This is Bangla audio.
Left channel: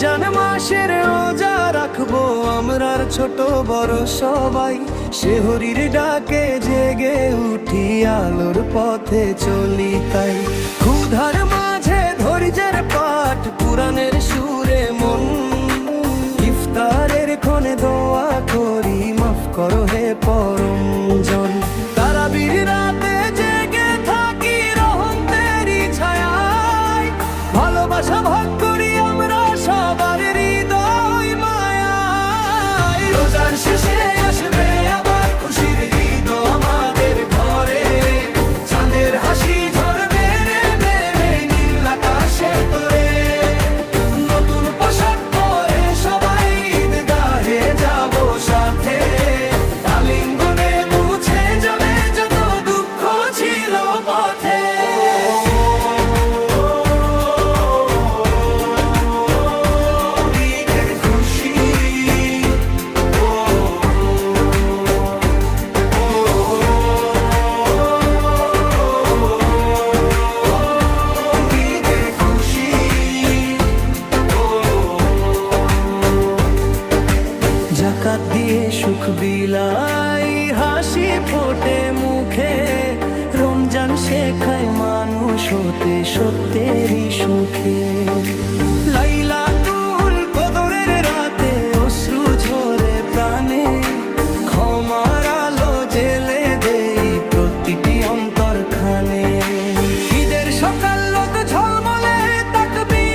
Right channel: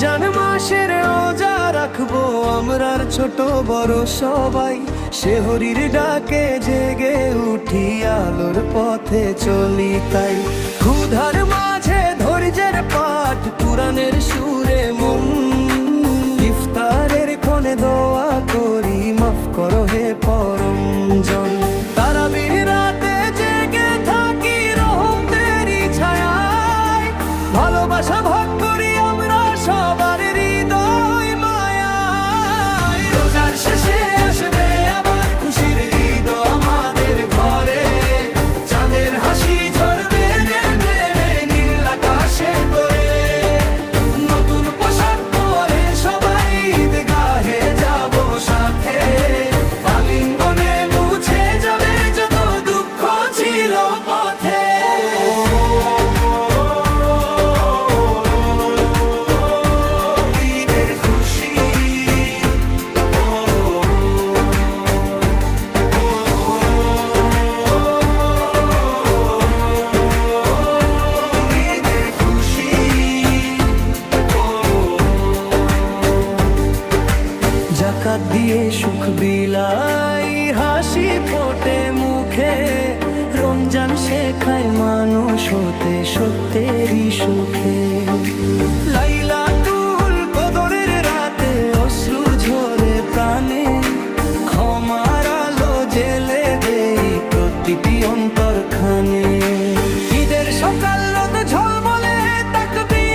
রমজান মাসের রোজা রাখবো আমরার ছোট বড় সবাই, সেহরির ডাকে জেগে উঠি আলোর পথে চলি তাই। ক্ষুধার মাঝে ধৈর্যের পাঠ, কুরআনের সুরে মন, ইফতারের ক্ষণে দোয়া করি মাফ করো হে পরমজন। তারাবির রাতে জেগে থাকি রহমতেরই ছায়ায়, ভালোবাসা ভাগ করি আমরা সবার হৃদয় মায়ায়। রোজার শেষে আসবে আবার খুশির ঈদ আমাদের ঘরে, চাঁদের হাসি ঝরবে নেমে নীল আকাশে তোরে। নতুন পোশাক পরে সবাই ঈদগাহে যাব সাথে, আলিঙ্গনে মুছে যাবে যত দুঃখ ছিল পথে। জাকাত দিয়ে সুখ বিলাই, হাসি ফোটে মুখে, রমজান শেখায় মানুষ হতে সত্যেরই সুখে। লাইলাতুল কদরের রাতে অশ্রু ঝরে প্রাণে, ক্ষমার আলো জেলে দেই প্রতিটি অন্তরখানে। ঈদের সকাল রোদ ঝলমলে তাকবীর